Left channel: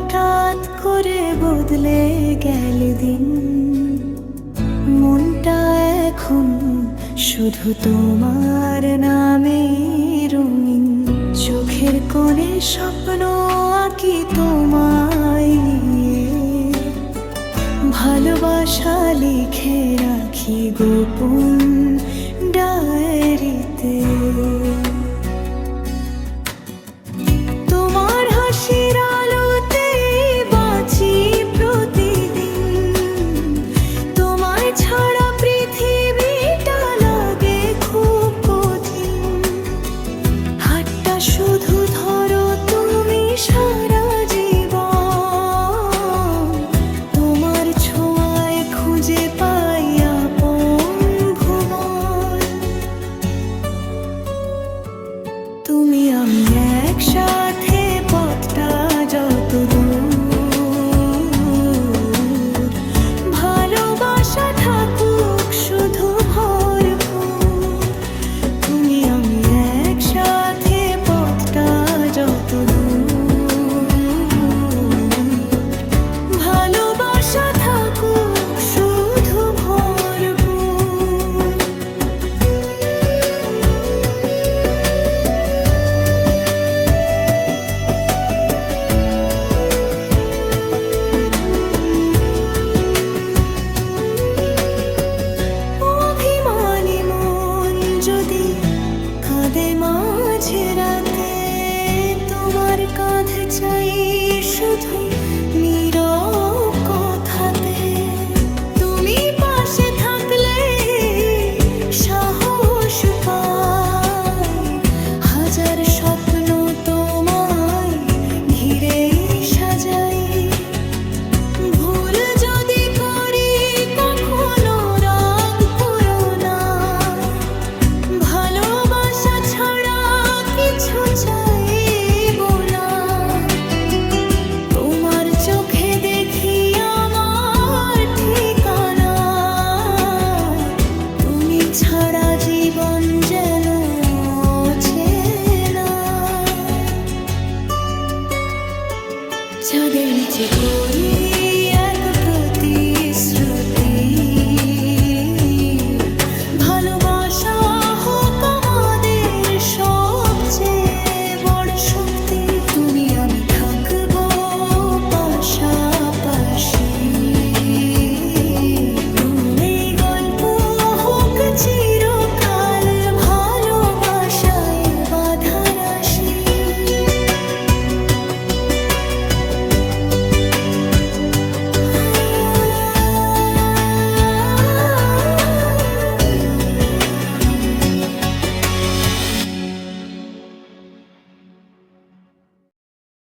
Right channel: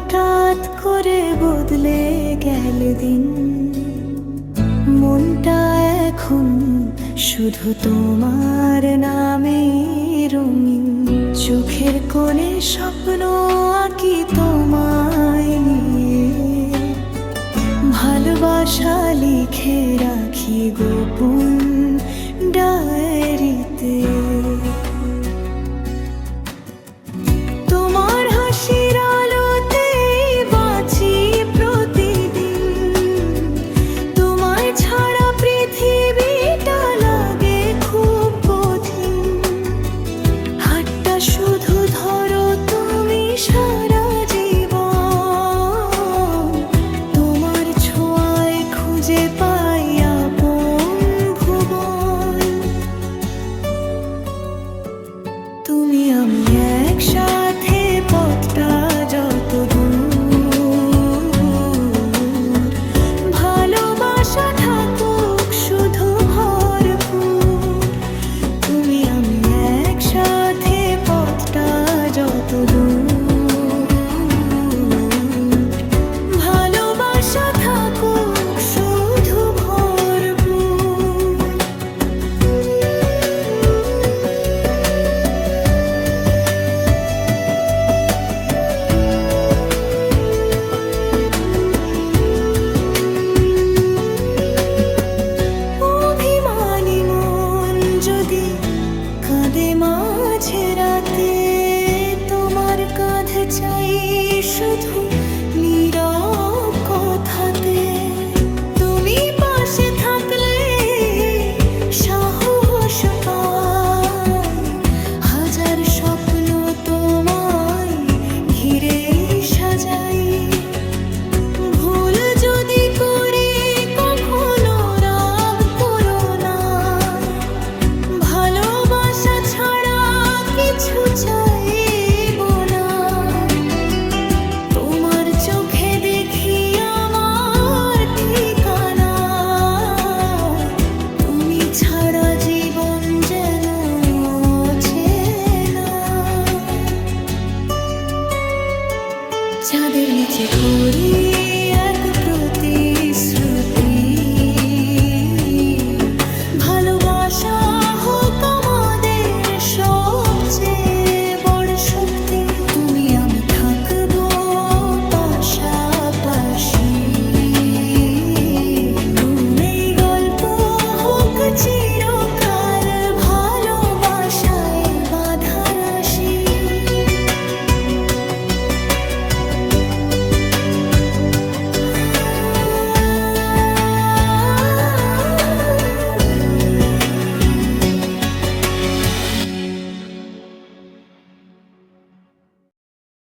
হঠাৎ করে বদলে গেল দিন, মনটা এখন শুধু তোমার নামে রঙিন। চোখের কোণে স্বপ্ন আঁকি তোমায় নিয়ে, ভালোবাসা লিখে রাখি গোপন ডায়েরিতে। তোমার হাসির আলোতে বাঁচি প্রতিদিন, তোমায় ছাড়া পৃথিবীটা লাগে খুব কঠিন। হাতটা শুধু ধরো তুমি সারা জীবন, তোমার ছোঁয়ায় খুঁজে পাই আপন ভুবন। তুমি আমি একসাথে পথটা যত দূর, ভালোবাসা থাকুক শুধু ভরপুর। তুমি আমি একসাথে পথটা যত দূর, ভালোবাসা থাকুক শুধু ভরপুর। অভিমানী মন যদি কাঁদে মাঝে রাতে, তোমার কাঁধ চাই শুধু নীরব কথাতে। তুমি পাশে থাকলে সাহস পাই, হাজার স্বপ্ন তোমায় ঘিরে সাজাই। ভুল যদি করি কখনো রাগ করো না, ভালোবাসা ছাড়া কিছু চাইবো না। তোমার চোখে দেখি আমার ঠিকানা, তুমি ছাড়া জীবন যেন অচেনা। চাঁদের নিচে করি এক প্রতিশ্রুতি, ভালোবাসা হোক আমাদের সবচেয়ে বড় শক্তি। তুমি আমি থাকবো পাশাপাশি।